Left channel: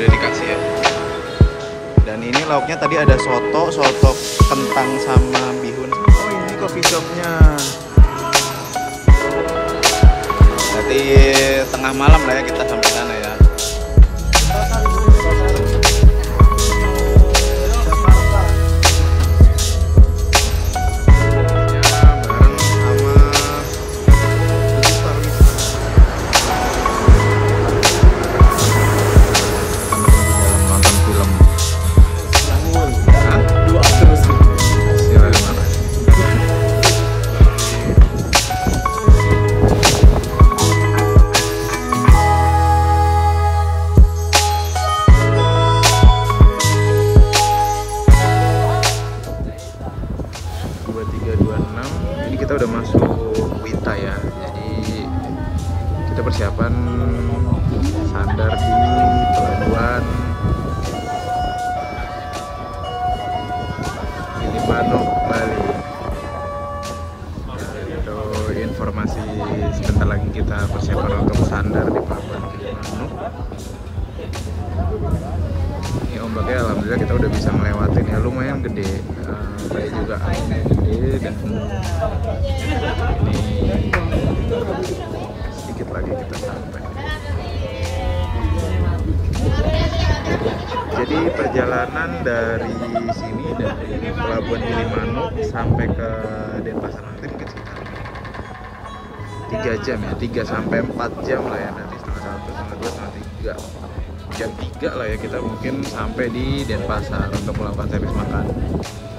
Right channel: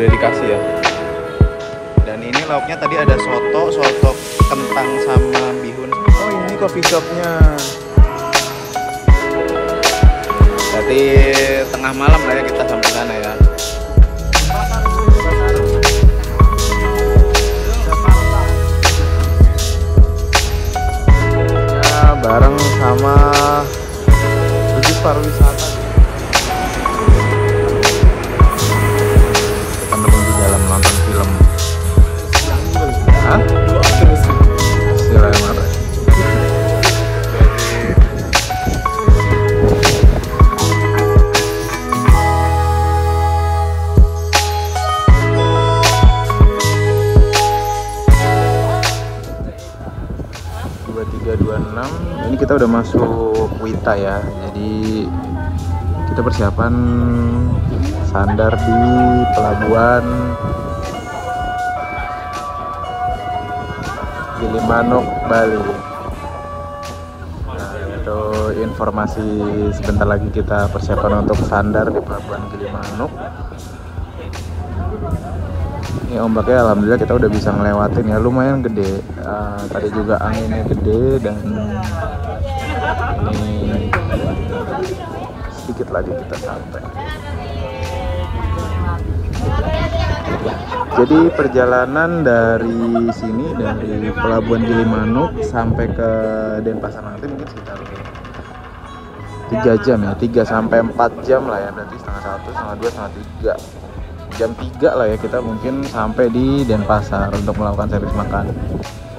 udah dikasih ya. Dan ini lauknya tadi ada soto kentang sama bihun. Oh ini coffee shopnya. Berarti tengah malam lah ya kita sampai sana ya. Ya bareng sama Khusus Pariwisata. Kita menunggu dalam nonton film. Hah? Dua terus. Marah. Ini kita udah masuk Wita ya, jadi kita persiapan sandar di pelabuhan Gilimanuk, Bali. Nah, itu informasi sebentar lagi kita persiapan untuk sandar di pelabuhan Gilimanuk. Ini ombaknya alhamdulillah kita udah bisa ngelewatin ya, lumayan gede. Tadi juga anginnya gede dan ini sedikit lagi kita sampai. Jadi perjalanan dari sini, dari pelabuhan Gilimanuk sampai ke Denpasar nanti mungkin sekitar 3 jam ya, 3 sampai 4 jam lah ya, nanti setengah 1, setengah 2, setengah 3. Jam 3 lah ya kita mungkin sampai di Denpasar untuk melakukan servis makan.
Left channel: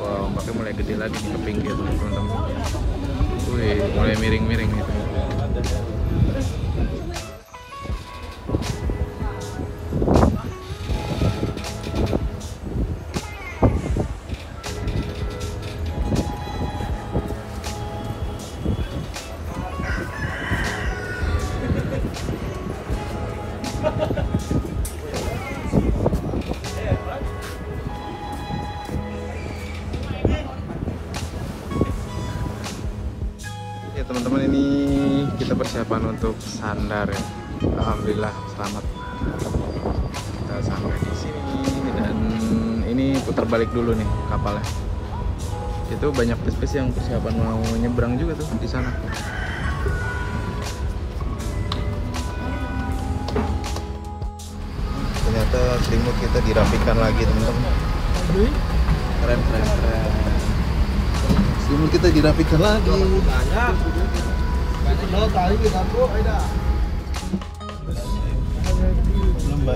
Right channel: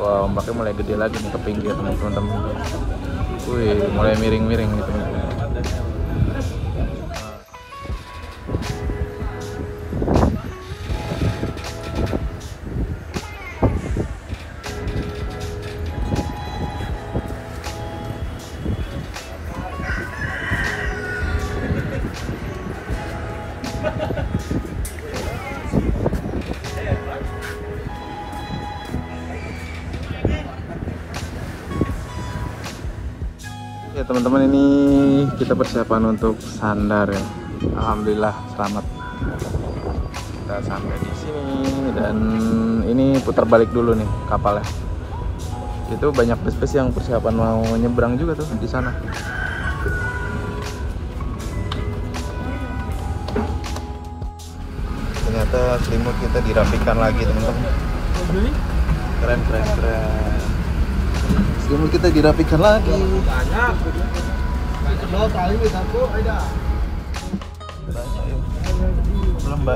Wah, ombaknya mulai gede lagi nih ke pinggir nih teman-teman. Wih, mulai miring-miring gitu. Ya teman-teman, ini kita persiapan untuk sandar ya. Alhamdulillah selamat kita sampai di sini dan ini putar balik dulu nih kapalnya. Itu banyak bus-bus yang persiapan mau nyebrang juga tuh di sana. Ternyata selimut kita dirapikan lagi teman-teman. Keren. Selimut kita dirapikan lagi. Belum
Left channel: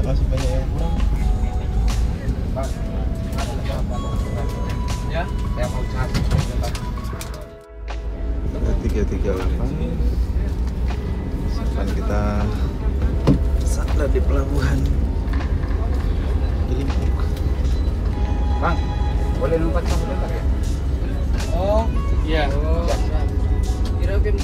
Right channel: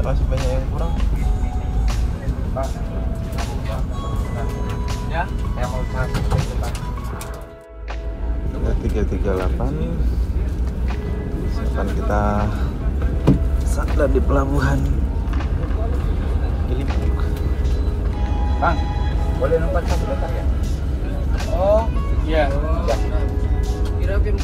masih banyak yang kurang. Ya, yang mau cari. 338. Siapkan kita sandar di pelabuhan Gilimanuk. Bang, boleh numpak satu dekat ya? Oh, iya. Kira-kira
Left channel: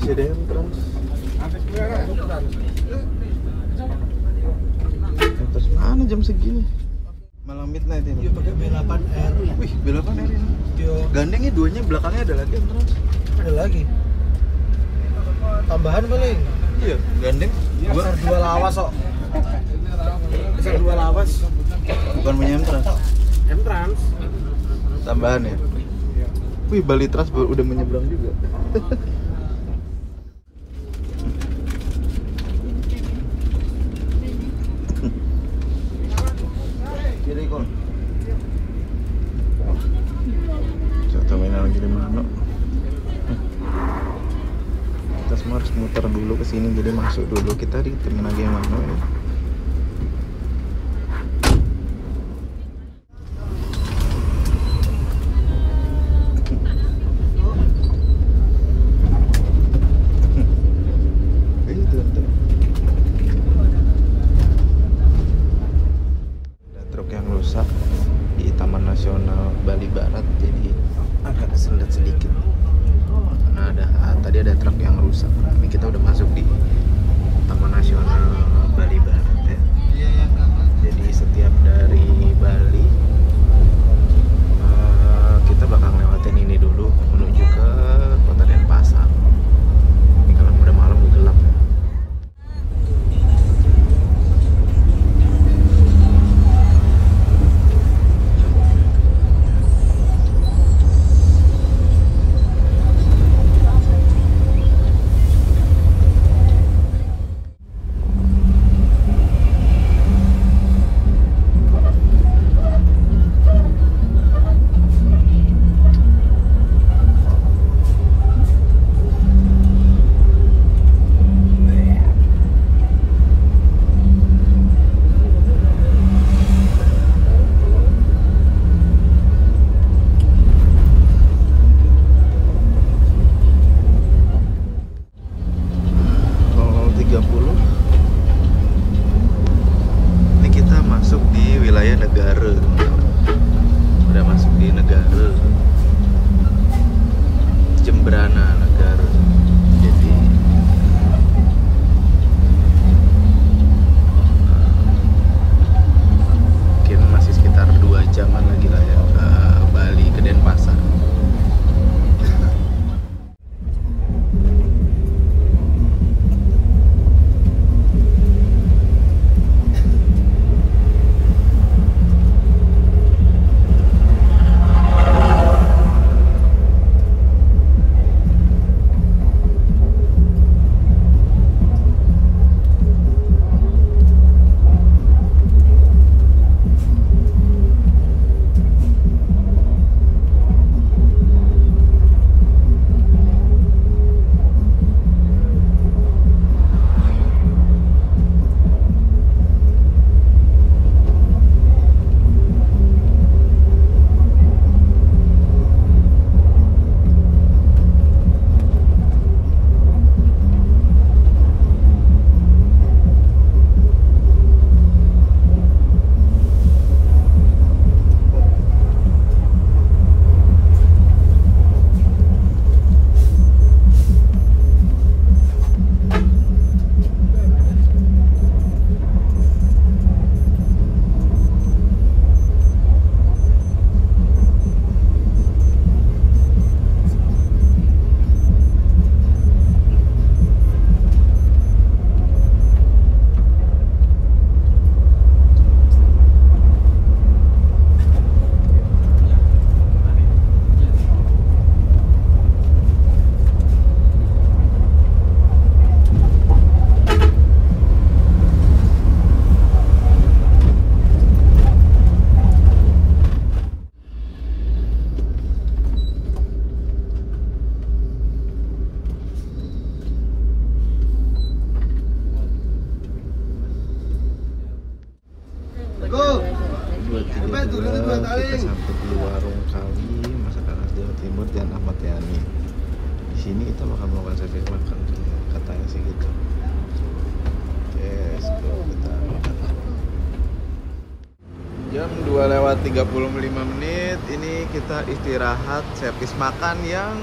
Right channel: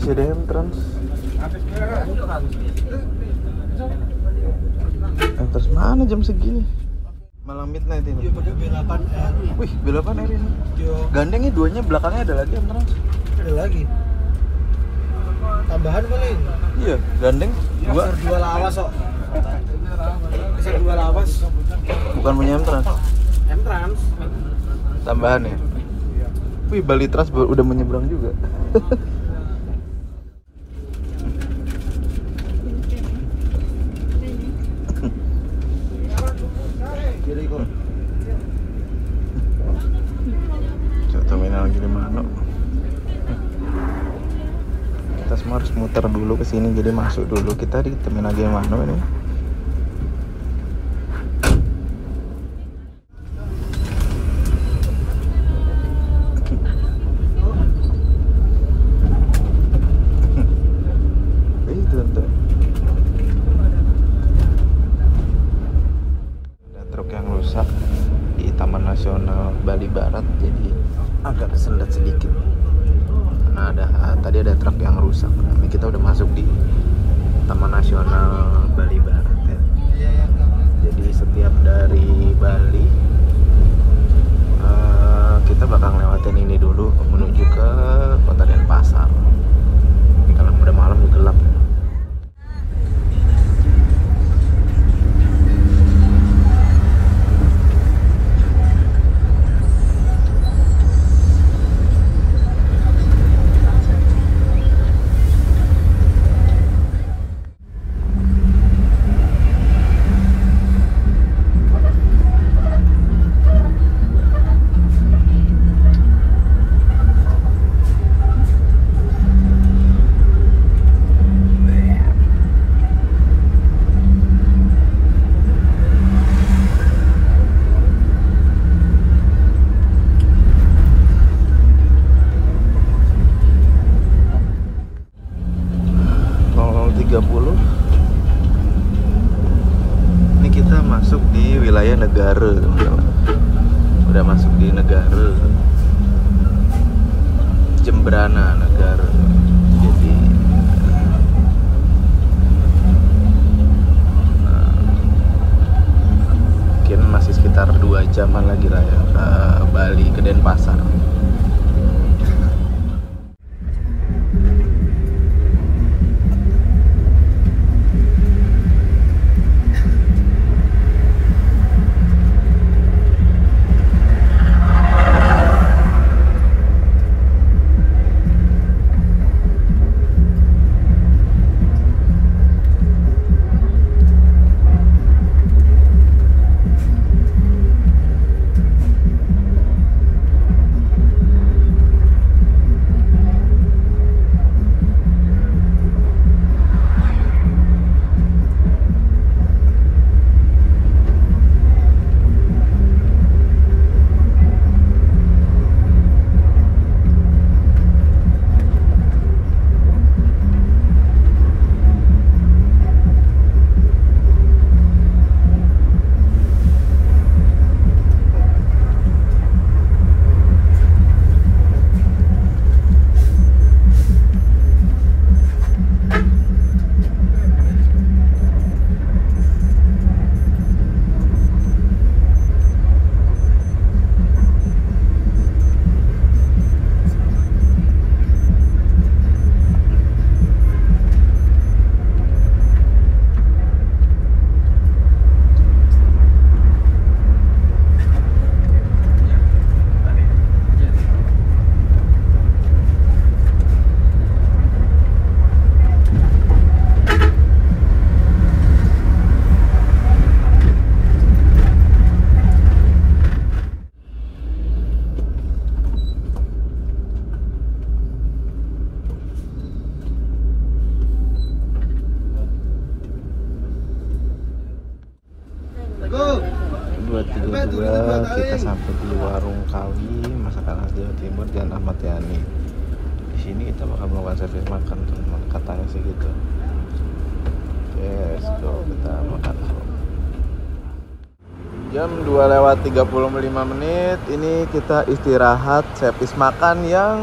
CDM Trans. Terus mana jam segini? Malam midnight ini. Dia pakai B8R. Wih, B8R ini. Gandengnya duanya, belakangnya ada lagi yang Trans. Ada lagi. Tambahan paling. Iya, gandeng dua lawas kok. Bisa 2 lawas. bukan punya M Trans. M Trans. Tambahan ya. Wih, Bali Trans udah menyeberang juga. Terminal Gilimanuk. Kita semua harus muter muter dulu ke sini, jadi masuk dulu. Kita di terminal Gimano ini. Ada truk yang rusak di Taman Nasional Bali Barat, jadi agak kesendat sedikit. Nah, tadi ada truk yang rusak. Ini kita udah masuk di Taman Nasional Bali Barat ya. Jadi setiap dari Bali kita bakal lewatin ini dulu menuju ke Kota Denpasar. Ini kalau udah malam gelap ya. Ini kita masuk di wilayah negara, teman-teman. Udah masuk di negara Jembrana negara. Jadi mungkin masih sekitar 2 jaman lagi lah ya ke Bali, ke Denpasar. Kita sampai di Warung Kawi Masakan Khas Jawa Timur Jalan Ahmad Yani. Di sini kita bakal melakukan servis makan, teman, katanya sih gitu. Oke, let's go, kita makan. Jam 2:35. Ini kita istirahat servis makan yang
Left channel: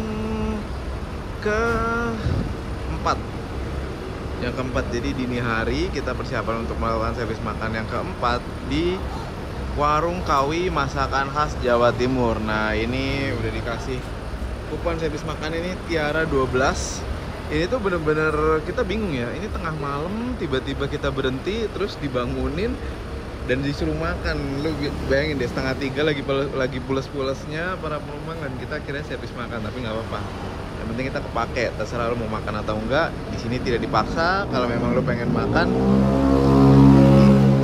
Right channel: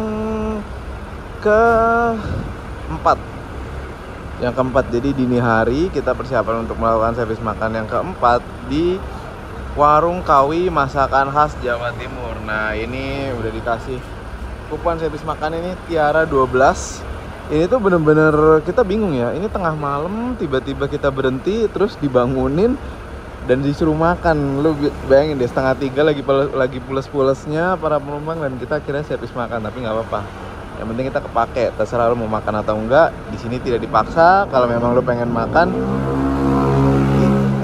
keempat. Jadi dini hari kita persiapan untuk melakukan servis makan yang keempat di Warung Kawi Masakan Khas Jawa Timur. Nah, ini udah dikasih kupon servis makan ini Tiara 12. Ini tuh bener-bener kita bingung ya. Ini tengah malam tiba-tiba kita berhenti terus dibangunin dan disuruh makan. Lu bayangin deh, 2:30 lagi pules-pulesnya para penumpang dan kita akhirnya servis makan, tapi nggak apa-apa. Yang penting kita kepake. Terserah lu mau makan atau enggak. Di sini tidak dipaksa. Kalau memang lu pengen makan,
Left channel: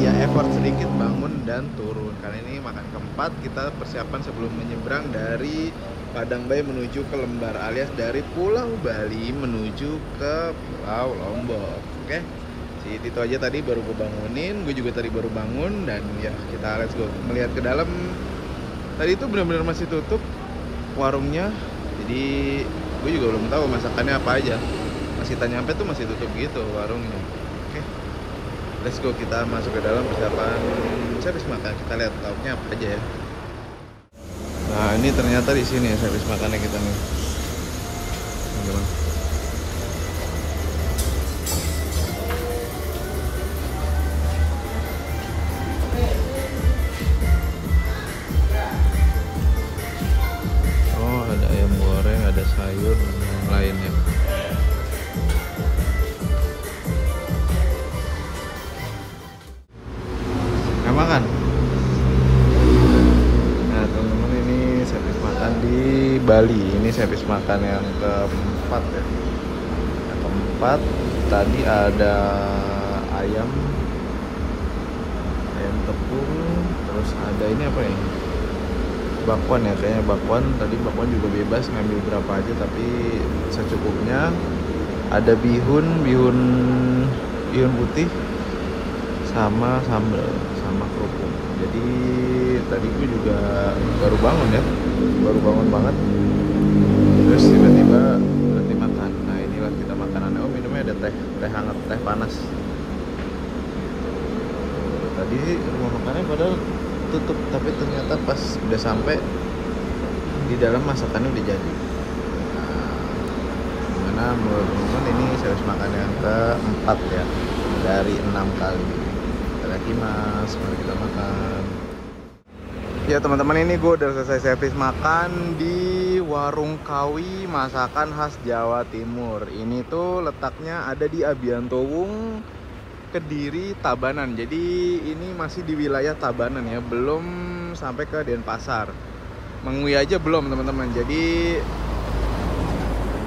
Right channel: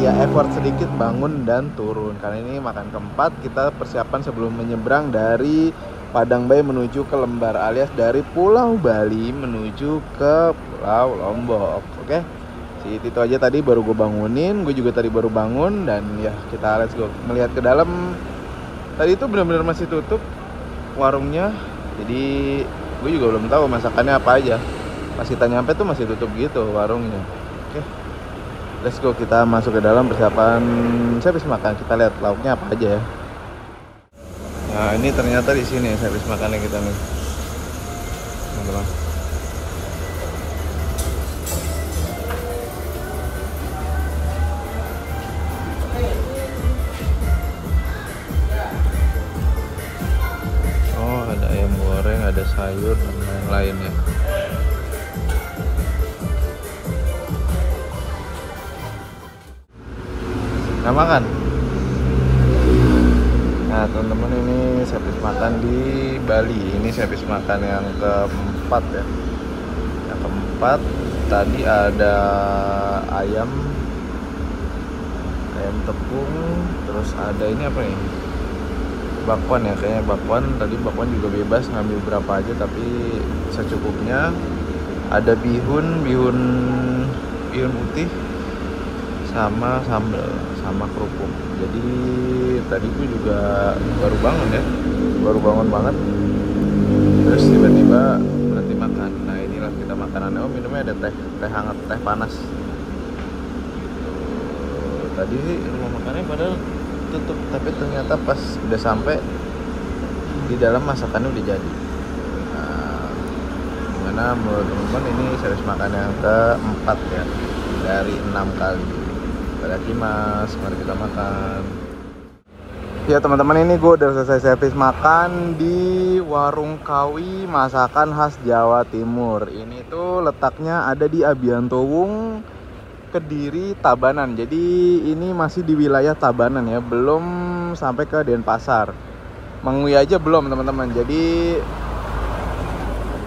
ya effort sedikit bangun dan turun. Karena ini makan keempat, kita persiapan sebelum menyeberang dari Padang Bay menuju ke Lembar, alias dari Pulau Bali menuju ke Pulau Lombok. Oke, si Tito aja tadi baru gue bangunin, gue juga tadi baru bangun, dan ya kita let's go. Melihat ke dalam, tadi itu benar-benar masih tutup warungnya, jadi gue juga belum tahu masakannya apa aja. Pas kita nyampe tuh masih tutup gitu warungnya. Oke, let's go, kita masuk ke dalam persiapan servis makan. Kita lihat lauknya apa aja ya. Nah, ini ternyata di sini servis makannya kita nih, teman-teman. Oh, ada ayam goreng, ada sayur dan yang lainnya. Nah, makan. Nah, teman-teman, ini servis makan di Bali. Ini servis makan yang keempat ya. Yang keempat, tadi ada ayam tepung, terus ada ini apa ini? Bakwan ya, kayaknya bakwan. Tadi bakwan juga bebas, ngambil berapa aja tapi secukupnya. Ada bihun putih sama sambal sama kerupuk. Jadi tadi gue juga baru bangun ya, baru bangun banget, terus tiba-tiba berhenti makan. Nah, inilah kita makanannya. Oh, minumnya ada teh hangat, teh panas gitu. Tadi rumah makannya padahal tutup, tapi ternyata pas udah sampai di dalam masakannya udah jadi. Nah, gimana menurut teman-teman, ini servis makan yang keempat ya dari 6 kali. Mas, mari kita makan. Ya teman-teman, ini gue udah selesai servis makan di Warung Kawi, masakan khas Jawa Timur. Ini tuh letaknya ada di Abiantowung, Kediri, Tabanan. Jadi ini masih di wilayah Tabanan ya, belum sampai ke Denpasar. Mengwi aja belum teman-teman. Jadi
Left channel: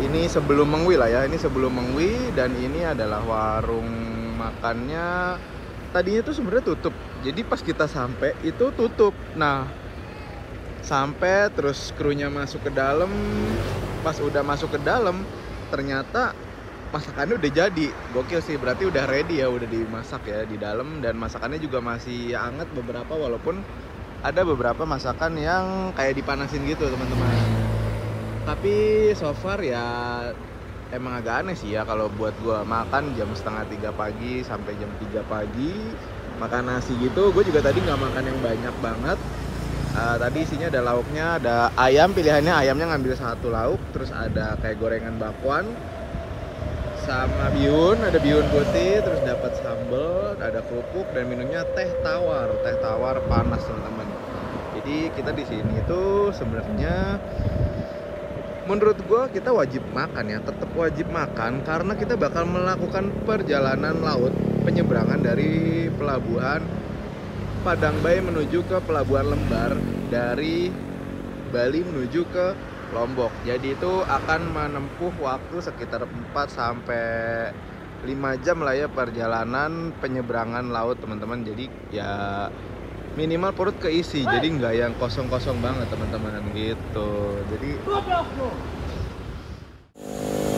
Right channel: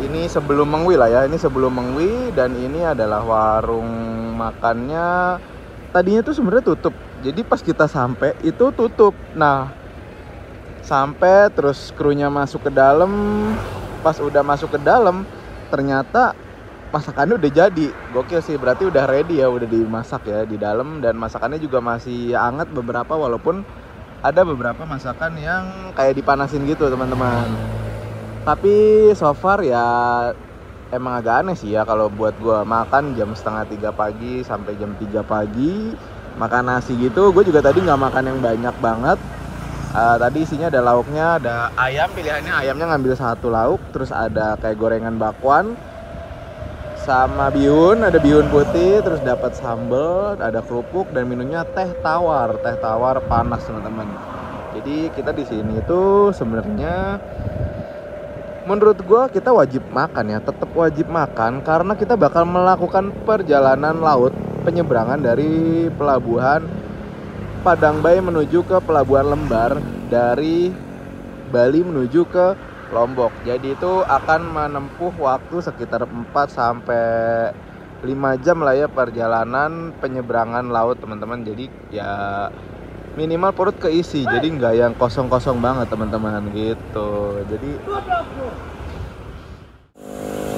ini sebelum Mengwi lah ya, ini sebelum Mengwi, dan ini adalah warung makannya. Tadinya tuh sebenarnya tutup, jadi pas kita sampai itu tutup. Nah, sampai terus krunya masuk ke dalam. Pas udah masuk ke dalam, ternyata masakannya udah jadi. Gokil sih, berarti udah ready ya, udah dimasak ya di dalam, dan masakannya juga masih hangat beberapa, walaupun ada beberapa masakan yang kayak dipanasin gitu teman-teman. Tapi so far ya emang agak aneh sih ya kalau buat gue makan jam 2:30 pagi sampai jam 3 pagi makan nasi gitu. Gue juga tadi nggak makan yang banyak banget. Tadi isinya ada lauknya, ada ayam, pilihannya ayamnya ngambil 1 lauk, terus ada kayak gorengan bakwan sama bihun, ada bihun putih, terus dapat sambal, ada kerupuk, dan minumnya teh tawar panas teman-teman. Jadi kita di sini tuh sebenarnya menurut gue kita wajib makan ya, tetap wajib makan, karena kita bakal melakukan perjalanan laut penyeberangan dari pelabuhan Padang Bay menuju ke pelabuhan Lembar, dari Bali menuju ke Lombok. Jadi itu akan menempuh waktu sekitar 4 sampai 5 jam lah ya perjalanan penyeberangan laut teman-teman. Jadi ya minimal perut keisi, jadi nggak yang kosong-kosong banget teman-teman gitu. Jadi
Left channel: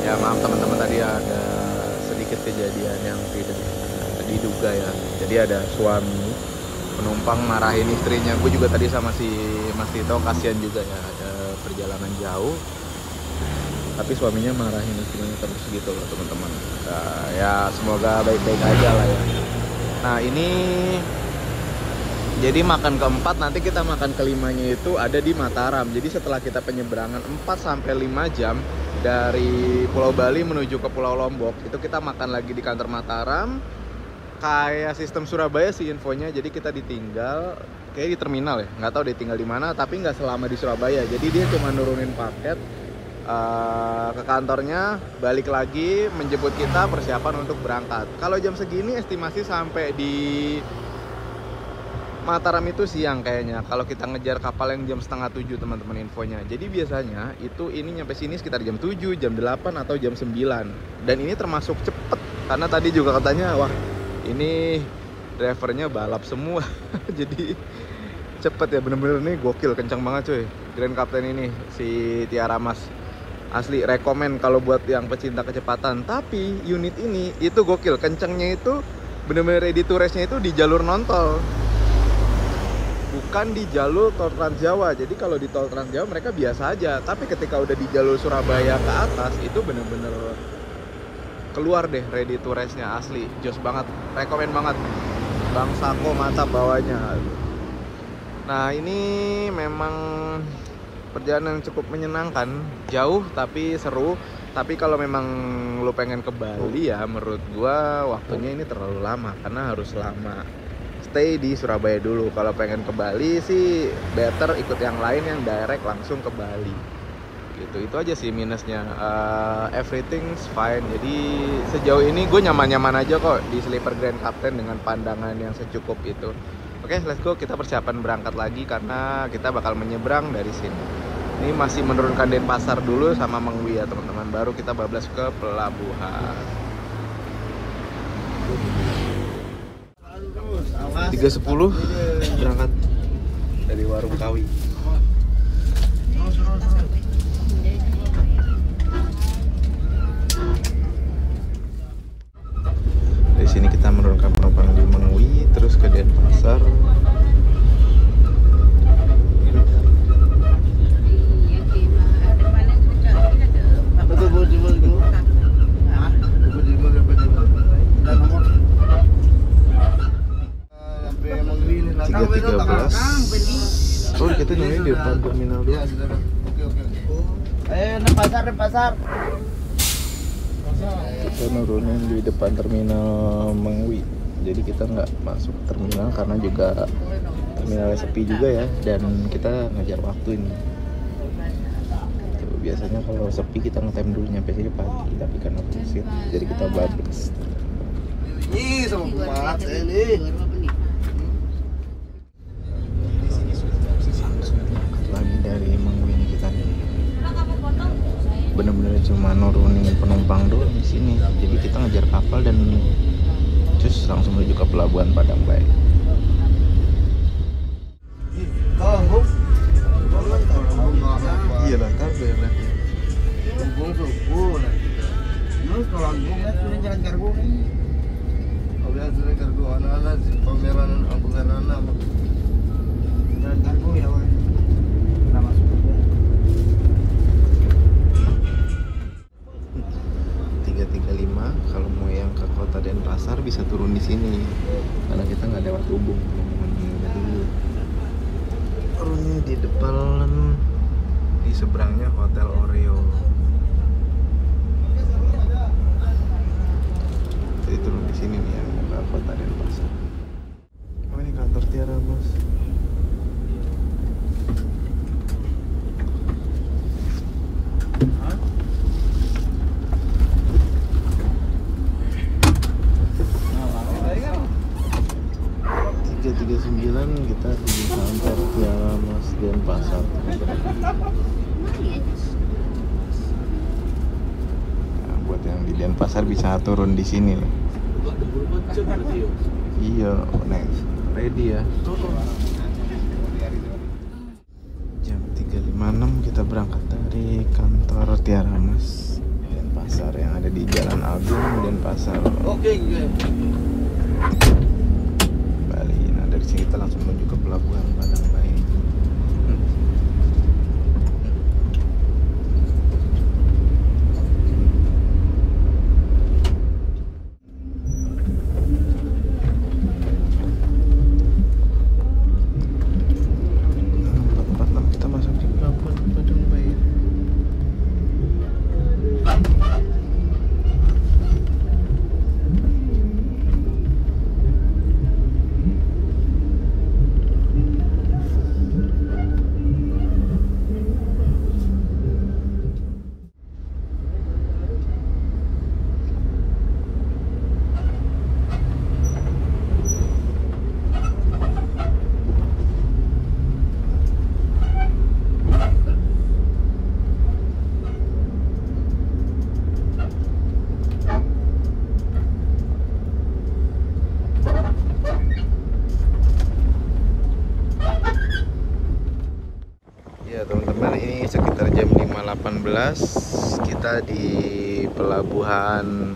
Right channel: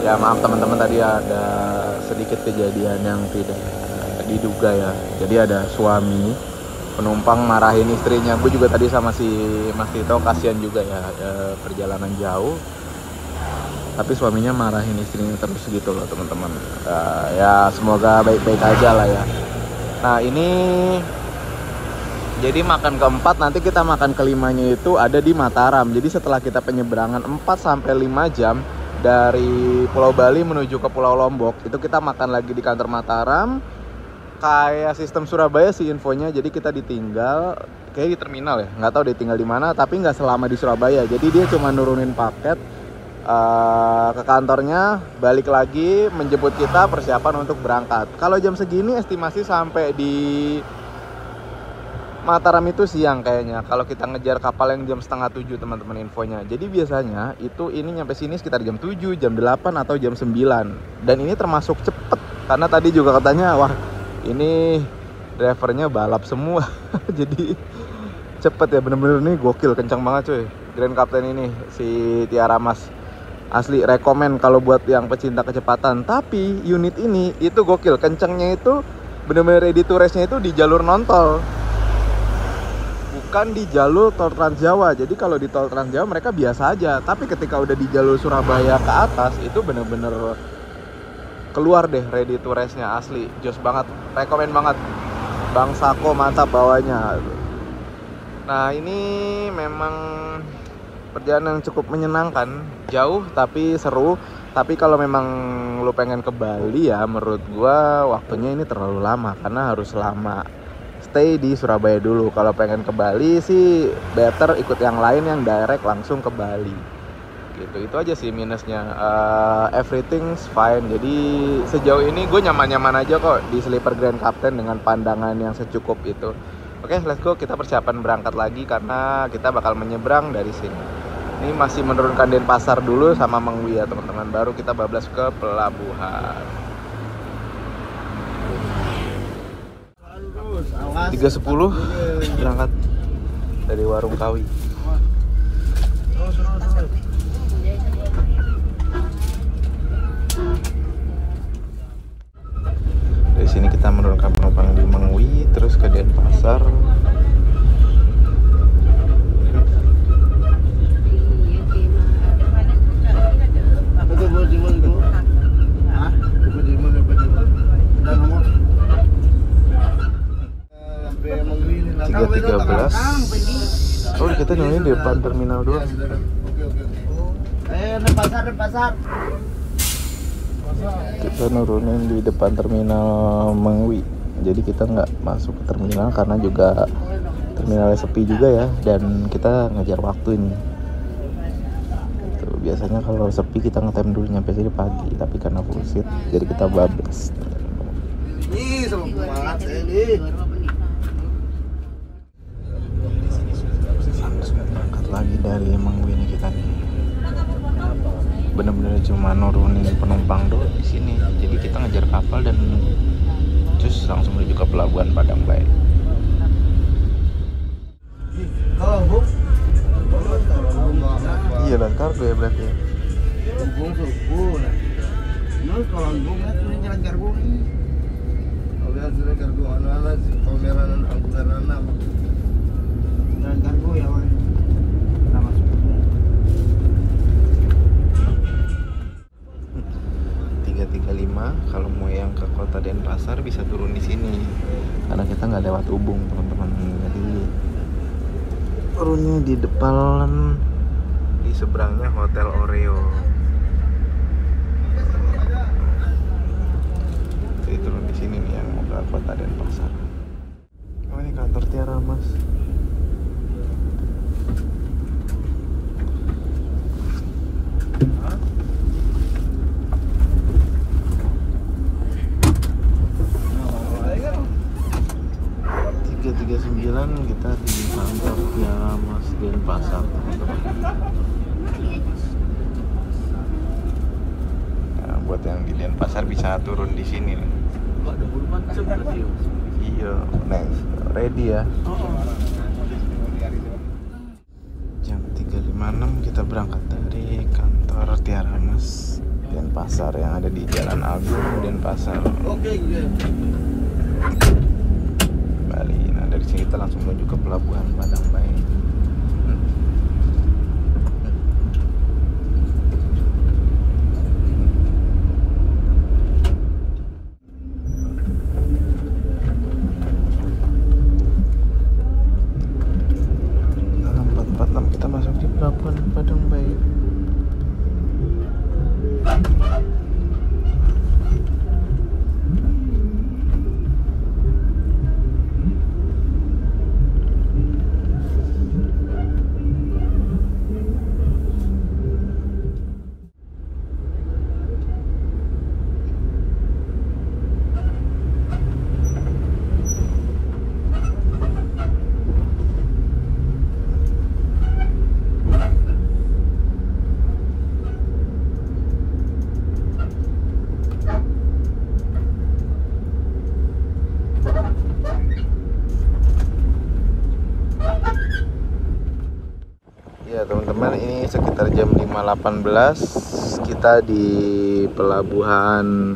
ya maaf teman-teman, tadi ada sedikit kejadian yang tidak diduga ya. Jadi ada suami penumpang marahin istrinya. Gue juga tadi sama si Mas Tito, kasihan juga ya, perjalanan jauh, tapi suaminya marahin istrinya terus gitu loh teman-teman. Ya semoga baik-baik aja lah ya. Nah, ini jadi makan keempat, nanti kita makan kelimanya itu ada di Mataram. Jadi setelah kita penyeberangan 4 sampai 5 jam dari Pulau Bali menuju ke Pulau Lombok, itu kita makan lagi di kantor Mataram. Kayak sistem Surabaya sih infonya. Jadi kita ditinggal kayak di terminal ya, nggak tahu dia tinggal di mana, tapi nggak selama di Surabaya. Jadi dia cuma nurunin paket ke kantornya, balik lagi menjemput kita, persiapan untuk berangkat. Kalau jam segini estimasi sampai di Mataram itu siang kayaknya, kalau kita ngejar kapal yang jam 6:30 teman-teman infonya. Jadi biasanya itu ini nyampe sini sekitar jam 7, jam 8 atau jam 9. Dan ini termasuk cepet, karena tadi juga katanya wah ini drivernya balap semua. Jadi cepet ya, bener-bener nih gokil, kencang banget cuy. Grand Captain ini si Tiara Mas. Asli rekomen kalau buat yang pecinta kecepatan. Tapi unit ini itu gokil, kencengnya itu bener-bener ready to race-nya itu di jalur non-tol, bukan di jalur tol Trans Jawa. Jadi kalau di tol Trans Jawa mereka biasa aja, tapi ketika udah di jalur Surabaya ke atas itu bener-bener keluar deh ready to race-nya. Asli jos banget, rekomen banget. Bang Sako mantap bawanya. Nah ini memang perjalanan yang cukup menyenangkan, jauh tapi seru. Tapi kalau memang lu pengen ke Bali ya, menurut gua waktunya ini terlalu lama karena harus lama stay di Surabaya dulu. Kalau pengen ke Bali sih better ikut yang lain yang direct langsung ke Bali. Gitu, itu aja sih minusnya. Everything's fine. Jadi sejauh ini gue nyaman-nyaman aja kok di Sleeper Grand Captain dengan pandangan yang secukup itu. Oke, let's go, kita persiapan berangkat lagi karena kita bakal menyeberang dari sini. Ini masih menurunkan Denpasar dulu sama Mengwi ya teman-teman, baru kita bablas ke pelabuhan. 3.10 berangkat dari Warung Kawi. Dari sini kita menurunkan penumpang di Mengwi terus ke Denpasar. Oh kita nungguin di depan terminal doang. Pasar. Kita nurunin di depan terminal Mengwi. Jadi kita nggak masuk ke terminal karena juga terminalnya sepi juga ya, dan kita ngejar waktu ini. Tuh, biasanya kalau sepi kita ngetem dulu nyampe sini pagi, tapi karena full seat jadi kita bablas. Ini sama pemalat ini. Lagi dari Mengwi nih kita nih. Bener-bener cuma nurunin penumpang doang di sini. Jadi kita ngejar kapal dan cus langsung menuju ke pelabuhan Padang Bayi. Iya lah, kargo ya berarti. Lumbung subuh. Terus kalau lumbung kan sudah jalan kargo. Kalau yang sudah kargo anak-anak pameran apa? Jalan kargo ya. 335 kalau mau yang ke kota Denpasar bisa turun di sini karena kita nggak lewat Ubung teman-teman. Jadi turun di depan, di seberangnya Hotel Oreo. Jadi turun di sini nih yang mau ke kota Denpasar. Oh ini kantor Tiara Mas. Kita di kantor Tiara Mas Denpasar teman-teman. Nah, buat yang di Denpasar bisa turun di sini loh. Iya, next ready ya. Jam 3.56 kita berangkat dari kantor Tiara Mas Denpasar yang ada di Jalan Agung Denpasar. Oke. Bali. Nah dari sini kita langsung menuju ke pelabuhan Padang Bayi. Nah, 446 kita masuk di pelabuhan Padang Bayi. 18 kita di pelabuhan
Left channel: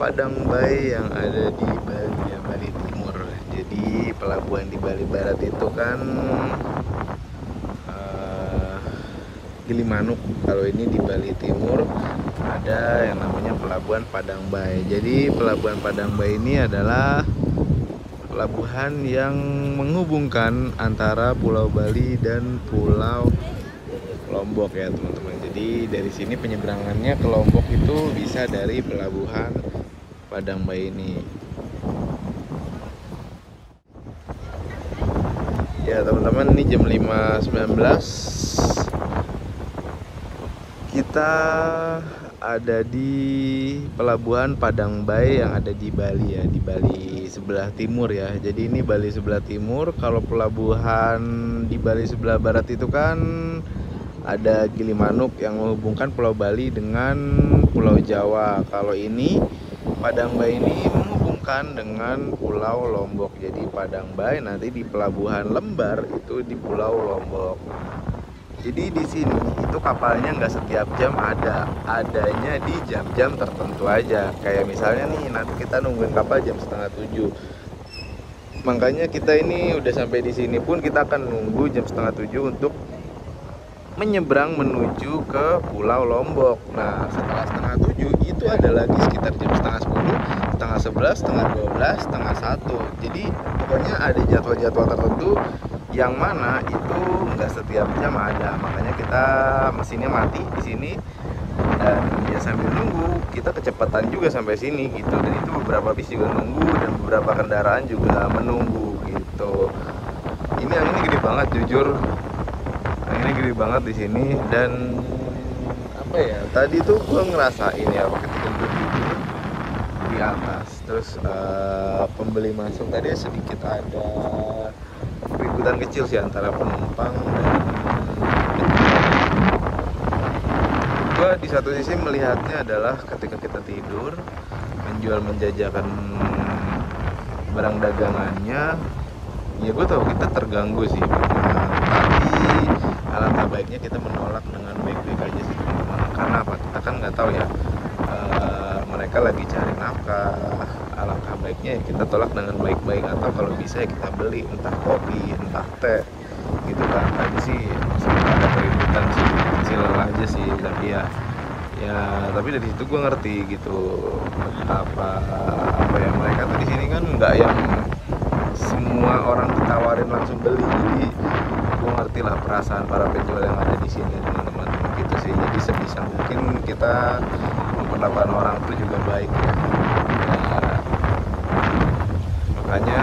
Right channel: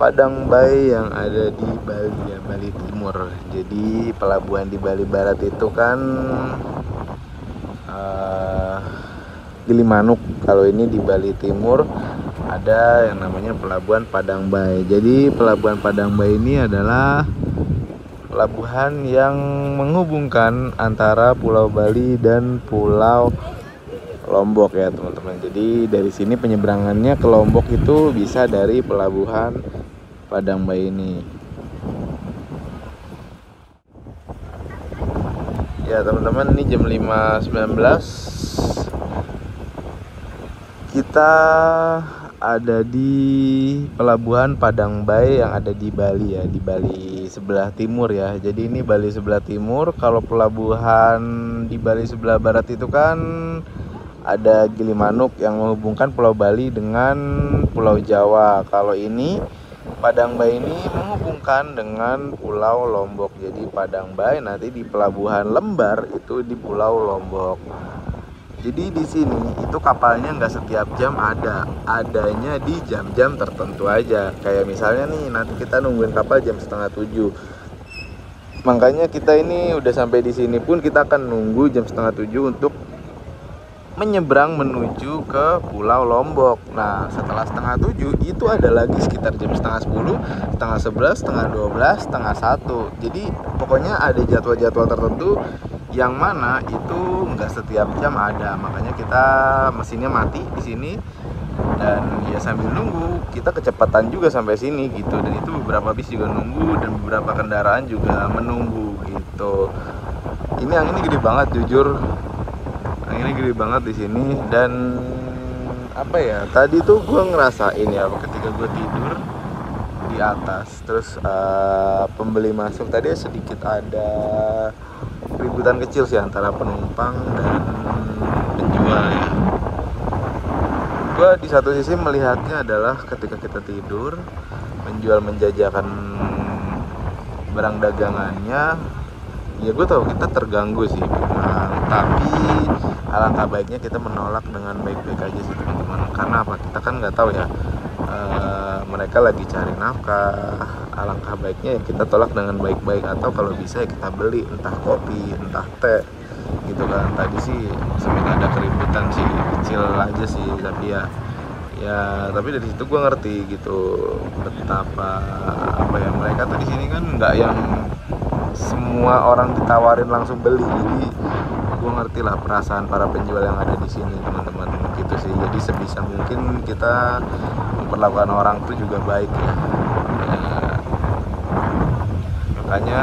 Padang Bay yang ada di Bali ya, Bali Timur. Jadi pelabuhan di Bali Barat itu kan Gilimanuk. Kalau ini di Bali Timur ada yang namanya pelabuhan Padang Bay. Jadi pelabuhan Padang Bay ini adalah pelabuhan yang menghubungkan antara Pulau Bali dan Pulau Lombok ya teman-teman. Jadi dari sini penyeberangannya ke Lombok itu bisa dari pelabuhan Padang Bay ini. Ya teman-teman, ini jam 5.19. Kita ada di pelabuhan Padang Bay yang ada di Bali ya, di Bali sebelah timur ya. Jadi ini Bali sebelah timur. Kalau pelabuhan di Bali sebelah barat itu kan ada Gilimanuk yang menghubungkan Pulau Bali dengan Pulau Jawa. Kalau ini Padang Bay ini menghubungkan dengan Pulau Lombok. Jadi Padang Bay nanti di pelabuhan Lembar itu di Pulau Lombok. Jadi di sini itu kapalnya nggak setiap jam adanya di jam-jam tertentu aja. Kayak misalnya nih nanti kita nungguin kapal jam 6:30. Makanya kita ini udah sampai di sini pun kita akan nunggu jam 6:30 untuk menyeberang menuju ke Pulau Lombok. Nah setelah 6:30 itu ada lagi sekitar jam 9:30, 10:30, 11:30, 12:30, 1. Jadi pokoknya ada jadwal-jadwal tertentu yang mana itu nggak setiap jam ada. Makanya kita mesinnya mati di sini dan ya sambil nunggu kita kecepatan juga sampai sini gitu. Dan itu beberapa bis juga nunggu dan beberapa kendaraan juga menunggu gitu. Ini anginnya gede banget jujur. Anginnya gede banget di sini dan apa ya? Tadi tuh gue ngerasain ya ketika gue tidur di atas, terus pembeli masuk tadi sedikit ada keributan kecil sih antara penumpang dan penjual. Gue di satu sisi melihatnya adalah ketika kita tidur, penjual menjajakan barang dagangannya, ya gue tahu kita terganggu sih memang, tapi alangkah baiknya kita menolak dengan baik-baik aja sih teman-teman. Karena apa? Kita kan nggak tahu ya, mereka lagi cari nafkah. Alangkah baiknya ya kita tolak dengan baik-baik, atau kalau bisa ya kita beli entah kopi entah teh gitu kan. Tadi sih sempat ada keributan sih kecil aja sih, tapi ya tapi dari situ gue ngerti gitu betapa apa ya, mereka tuh di sini kan nggak yang semua orang ditawarin langsung beli. Jadi gue ngerti lah perasaan para penjual yang ada di sini teman-teman gitu sih. Jadi sebisa mungkin kita memperlakukan orang tuh juga baik ya. Makanya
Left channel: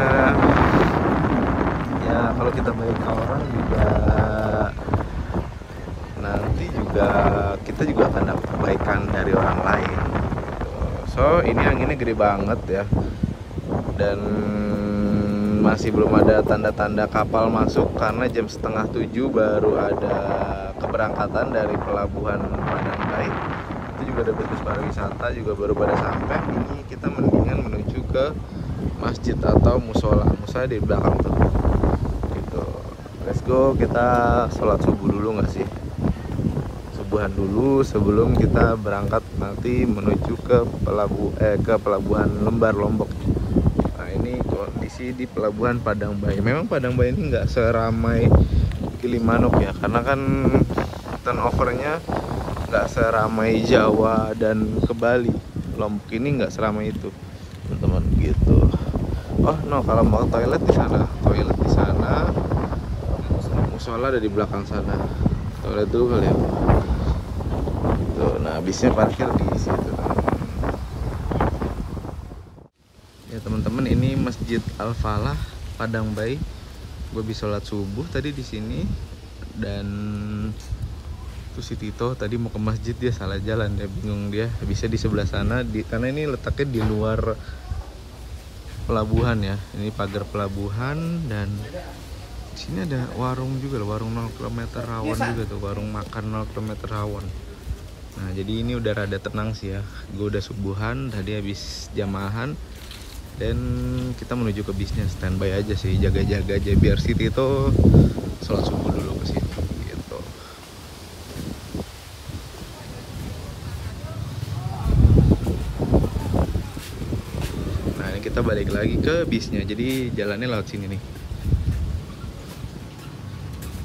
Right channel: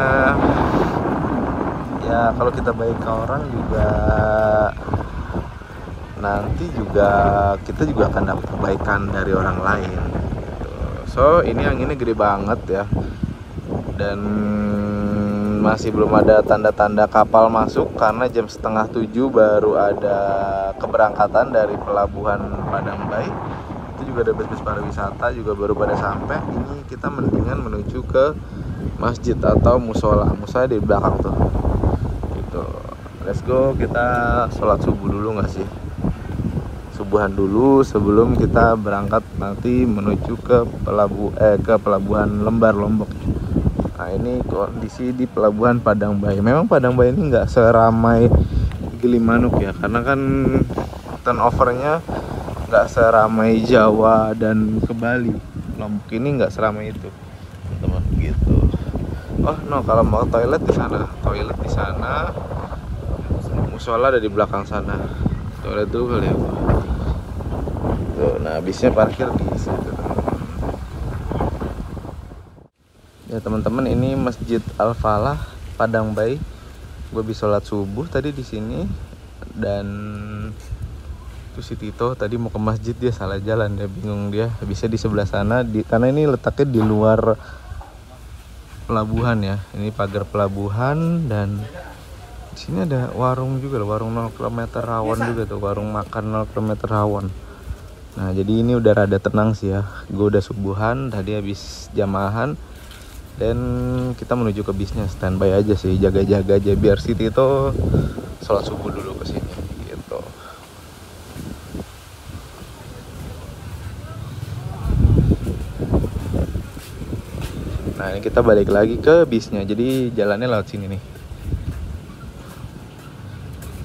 ya kalau kita baik ke orang juga nanti juga kita juga akan dapat kebaikan dari orang lain gitu. So ini anginnya gede banget ya, dan masih belum ada tanda-tanda kapal masuk karena jam 6:30 baru ada keberangkatan dari pelabuhan Padang Bay. Itu juga ada bus pariwisata juga baru pada sampai. Ini kita mendingan menuju ke masjid atau musola di belakang tuh gitu. Let's go, kita sholat subuh dulu nggak sih, subuhan dulu sebelum kita berangkat nanti menuju ke pelabuhan Lembar Lombok. Nah ini kondisi di pelabuhan Padang Bay. Memang Padang Bay ini nggak seramai Gilimanuk ya, karena kan turnovernya nggak seramai Jawa dan ke Bali. Lombok ini nggak seramai itu teman-teman gitu. Oh no, kalau mau toilet di sana, musola ada di belakang sana. Toilet dulu kali ya. Tuh, nah bisnya parkir di situ. Ya teman-teman, ini Masjid Al Falah Padang Bay. Gue bisa sholat subuh tadi di sini, dan tuh si Tito tadi mau ke masjid dia salah jalan, dia bingung, dia bisa di sebelah sana karena ini letaknya di luar pelabuhan ya. Ini pagar pelabuhan, dan di sini ada warung juga loh, warung 0 km rawon juga tuh, warung makan 0 km rawon. Nah jadi ini udah rada tenang sih ya. Gue udah subuhan tadi habis jamahan, dan kita menuju ke bisnya, standby aja sih, jaga-jaga aja biar si Tito sholat subuh dulu ke sini gitu. Nah ini kita balik lagi ke bisnya, jadi jalannya lewat sini nih.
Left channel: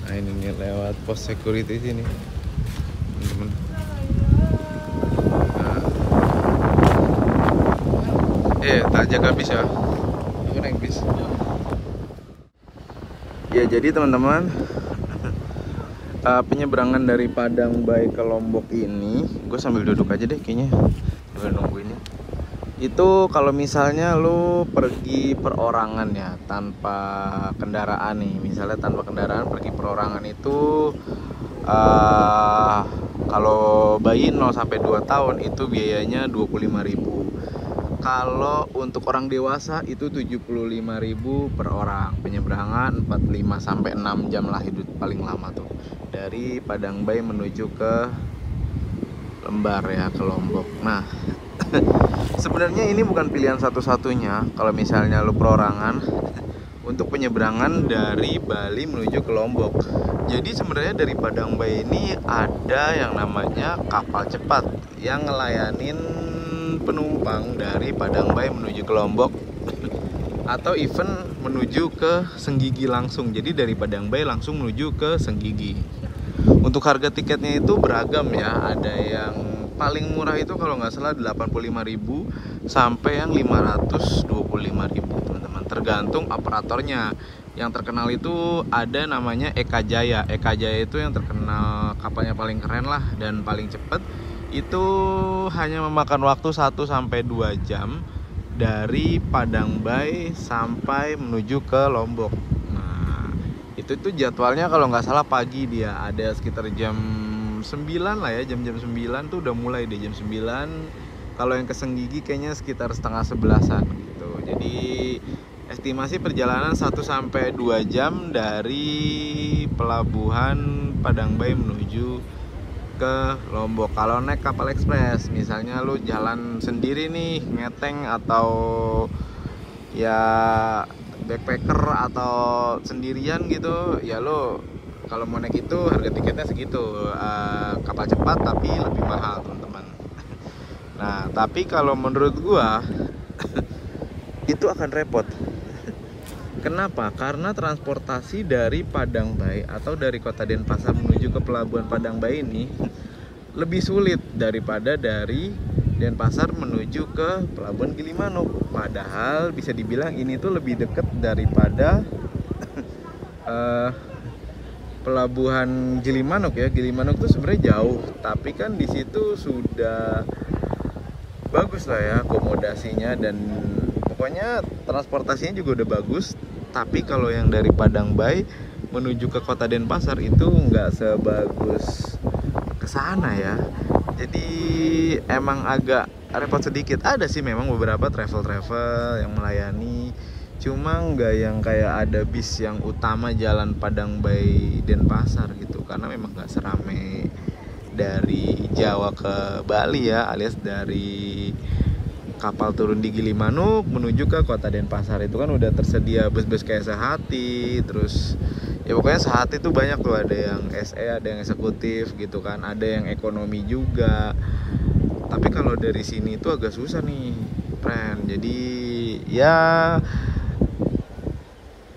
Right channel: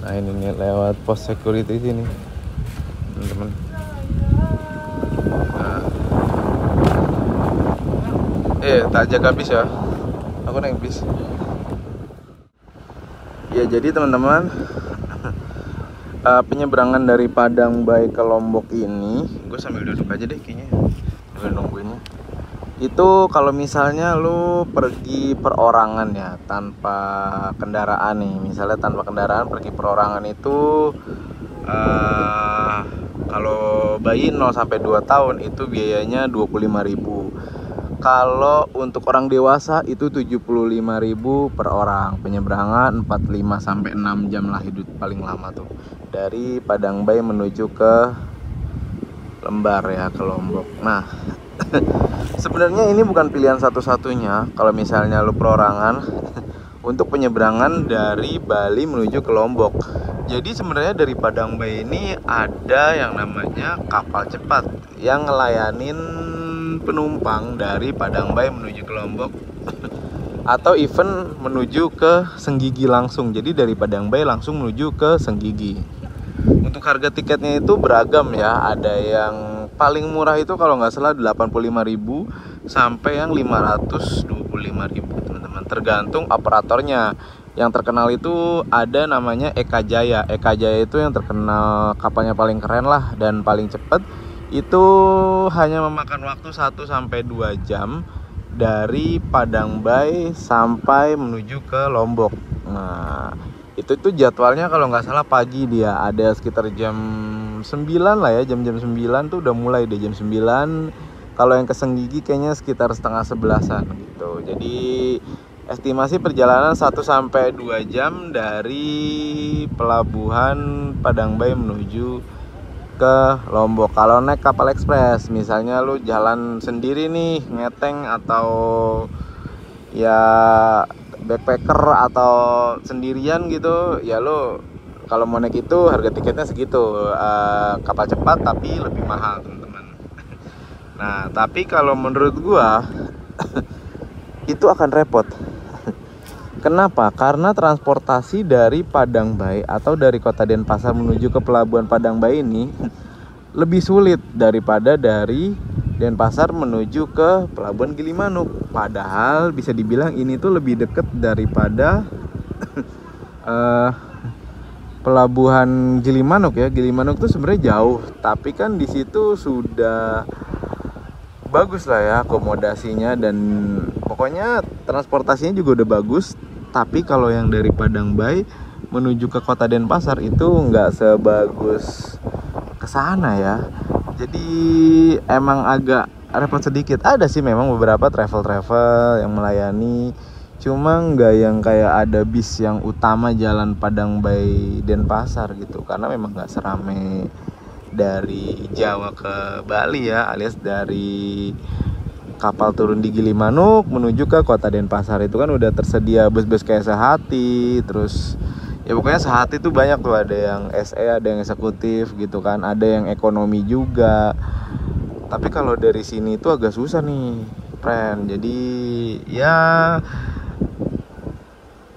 Nah ini nih lewat pos security sini teman-teman. Nah. Tak jaga bis ya, aku naik bis. Ya jadi teman-teman, penyeberangan dari Padang Bay ke Lombok ini, gue sambil duduk aja deh kayaknya, sambil nungguinnya. Itu kalau misalnya lu pergi perorangan ya, tanpa kendaraan nih, misalnya tanpa kendaraan pergi perorangan itu kalau bayi 0 sampai 2 tahun itu biayanya 25.000. Kalau untuk orang dewasa itu 75.000 per orang. Penyeberangan 45 sampai 6 jam lah, hidup paling lama tuh. Dari Padang Bay menuju ke Lembar ya, ke Lombok. Nah, sebenarnya ini bukan pilihan satu-satunya kalau misalnya lu perorangan untuk penyeberangan dari Bali menuju ke Lombok. Jadi sebenarnya dari Padang Bay ini ada yang namanya kapal cepat yang ngelayanin penumpang dari Padang Bay menuju ke Lombok atau even menuju ke Senggigi langsung. Jadi dari Padang Bay langsung menuju ke Senggigi. Untuk harga tiketnya itu beragam ya. Ada yang paling murah itu kalau nggak salah 85.000 sampai yang 525.000 teman-teman. Tergantung operatornya. Yang terkenal itu ada namanya Eka Jaya. Eka Jaya itu yang terkenal kapalnya paling keren lah dan paling cepat. Itu hanya memakan waktu 1 sampai 2 jam dari Padang Bay sampai menuju ke Lombok. Nah, itu tuh jadwalnya kalau nggak salah pagi dia, ada sekitar jam 9 lah ya, jam-jam 9 tuh udah mulai deh, jam 9. Kalau yang ke Senggigi kayaknya sekitar setengah 11-an gitu. Jadi estimasi perjalanan 1 sampai 2 jam dari pelabuhan Padang Bay menuju ke Lombok. Kalau naik kapal ekspres, misalnya lu jalan sendiri nih, ngeteng atau ya backpacker atau sendirian gitu, ya lo kalau mau naik itu harga tiketnya segitu. Kapal cepat tapi lebih mahal teman-teman. Nah tapi kalau menurut gua itu akan repot. Kenapa? Karena transportasi dari Padang Bay atau dari kota Denpasar menuju ke pelabuhan Padang Bay ini lebih sulit daripada dari Denpasar menuju ke pelabuhan Gilimanuk. Padahal bisa dibilang ini tuh lebih dekat daripada pelabuhan Gilimanuk ya. Gilimanuk tuh sebenarnya jauh, tapi kan di situ sudah bagus lah ya akomodasinya dan pokoknya transportasinya juga udah bagus. Tapi kalau yang dari Padang Bay menuju ke kota Denpasar itu nggak sebagus kesana ya. Jadi emang agak repot sedikit. Ada sih memang beberapa travel yang melayani, cuma nggak yang kayak ada bis yang utama jalan Padang Bay Denpasar gitu, karena memang nggak serame dari Jawa ke Bali ya, alias dari kapal turun di Gilimanuk menuju ke kota Denpasar itu kan udah tersedia bus-bus kayak Sehati, terus ya pokoknya Sehati itu banyak tuh, ada yang SE, ada yang eksekutif gitu kan, ada yang ekonomi juga. Tapi kalau dari sini itu agak susah nih, friend. Jadi ya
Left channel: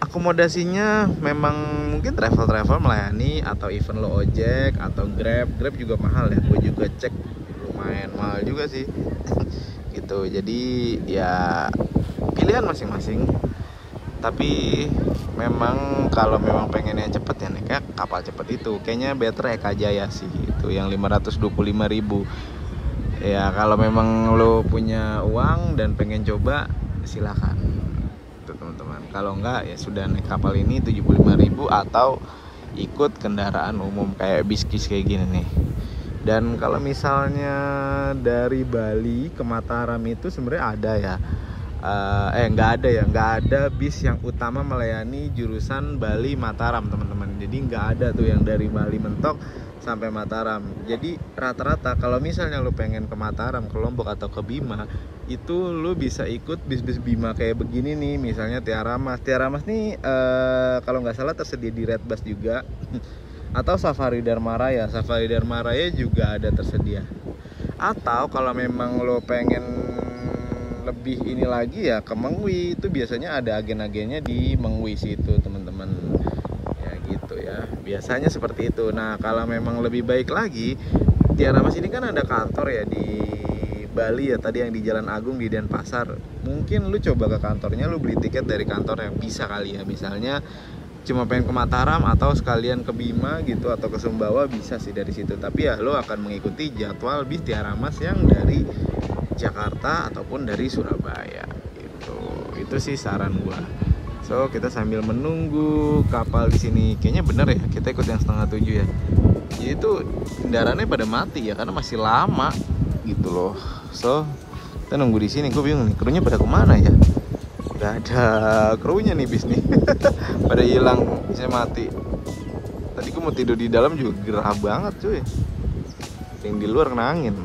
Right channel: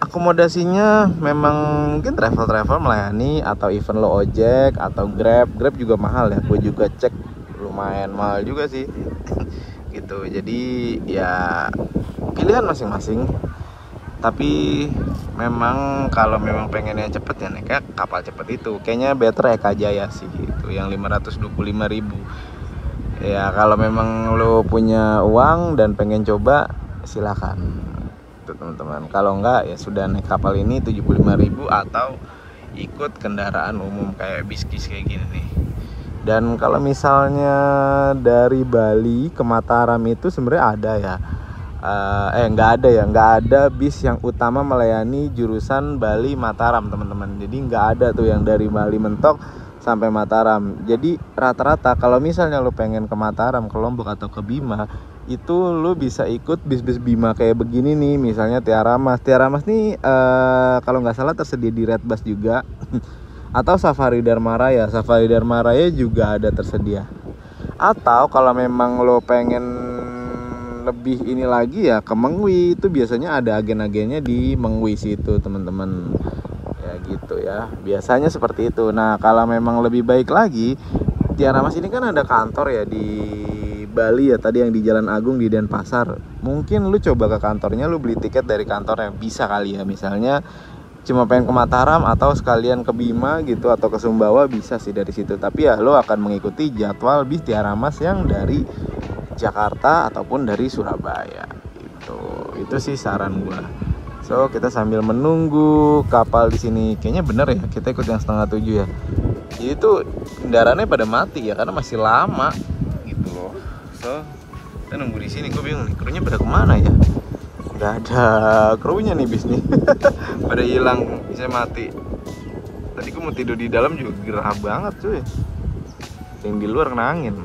akomodasinya memang mungkin travel melayani, atau even lo ojek atau Grab juga mahal ya. Gue juga cek lumayan mahal juga sih. Gitu. Jadi ya pilihan masing-masing. Tapi memang kalau memang pengennya cepet ya naiknya kapal cepet itu. Kayaknya better Eka Jaya sih itu yang 525.000. Ya kalau memang lo punya uang dan pengen coba silakan tuh teman-teman. Kalau enggak ya sudah naik kapal ini 75.000 atau ikut kendaraan umum kayak bis-bis kayak gini nih. Dan kalau misalnya dari Bali ke Mataram itu sebenarnya ada ya. Nggak ada bis yang utama melayani jurusan Bali Mataram teman-teman. Jadi nggak ada tuh yang dari Bali mentok sampai Mataram. Jadi rata-rata kalau misalnya lo pengen ke Mataram, ke Lombok atau ke Bima, itu lo bisa ikut bis-bis Bima kayak begini nih. Misalnya Tiara Mas nih kalau nggak salah tersedia di Red Bus juga. Atau Safari Dharma Raya juga ada tersedia. Atau kalau memang lo pengen lebih ini lagi ya ke Mengwi, itu biasanya ada agen-agennya di Mengwi situ teman-teman. Ya gitu ya, biasanya seperti itu. Nah kalau memang lebih baik lagi, Tiara Mas ini kan ada kantor ya di Bali ya, tadi yang di Jalan Agung di Denpasar. Mungkin lu coba ke kantornya, lu beli tiket dari kantor yang bisa kali ya, misalnya cuma pengen ke Mataram atau sekalian ke Bima gitu atau ke Sumbawa, bisa sih dari situ. Tapi ya lo akan mengikuti jadwal bis Tiara Mas yang dari Jakarta ataupun dari Surabaya gitu. Itu sih saran gua. So kita sambil menunggu kapal di sini, kayaknya bener ya kita ikut yang 6:30 ya. Jadi tuh kendaraannya pada mati ya karena masih lama gitu loh. So kita nunggu di sini. Gue bingung nih krunya pada kemana ya. Gak ada krunya nih bis nih. Pada hilang, saya mati. Tadi gue mau tidur di dalam juga gerah banget cuy. Yang di luar kena angin.